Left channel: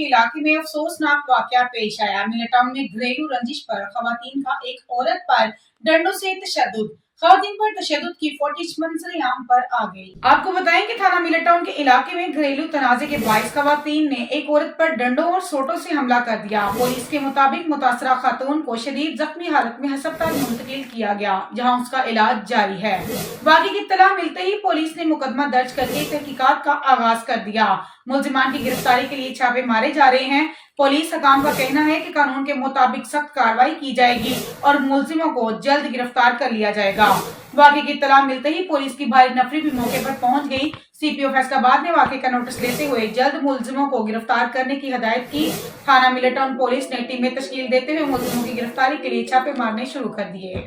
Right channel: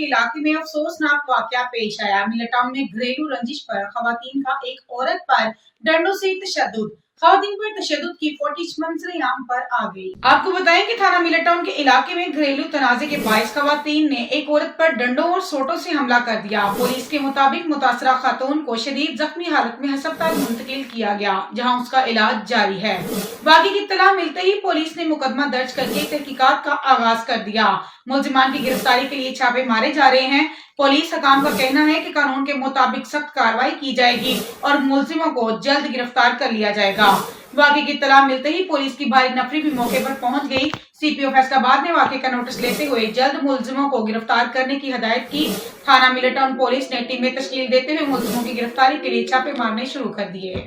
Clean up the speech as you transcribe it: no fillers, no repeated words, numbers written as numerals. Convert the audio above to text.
के इलाके में अफसोसनाक वाकया पेश आया। मिलेटाउन में घरेलू रंजिश पर खवातीन का एक औरत पर डंडों से तशद्दुद। खवातीन पर तशद्दुद की फुटेज मंजर-ए-आम पर आ गई। आपको बताएं कि थाना मिलेटाउन के इलाके में घरेलू तनाजे के बाइस खवातीन ने एक औरत पर डंडों और सोटों से हमला कर दिया। पुलिस के मुताबिक मुतासरा खातून को शदीद जख्मी हालत में अस्पताल मुंतकिल किया गया, जहां उसका इलाज जारी है। वाक़े की इत्तला मिलते ही पुलिस ने मुकदमा दर्ज करके तहकीकात का आगाज कर दिया। मुल्जिमान की गिरफ्तारी के लिए छापे मारे जा रहे हैं। पुलिस हकाम का कहना है कि कानून के मुताबिक सख्त कार्रवाई की जाएगी और मुल्जिमों को जल्द गिरफ्तार कर लिया जाएगा। वाक़े की इत्तला मिलते ही पुलिस की भारी नफरी भी मौके पर पहुंच गई। सीपीओ फैसलाबाद ने वाक़े का नोटिस लेते हुए जल्द मुल्जिमों को गिरफ्तार करने की हिदायत की। थाना मिलेटाउन पुलिस ने टीमें तश्कील देते हुए मुल्जिमों की गिरफ्तारी के लिए छापे मारने शुरू कर दिए।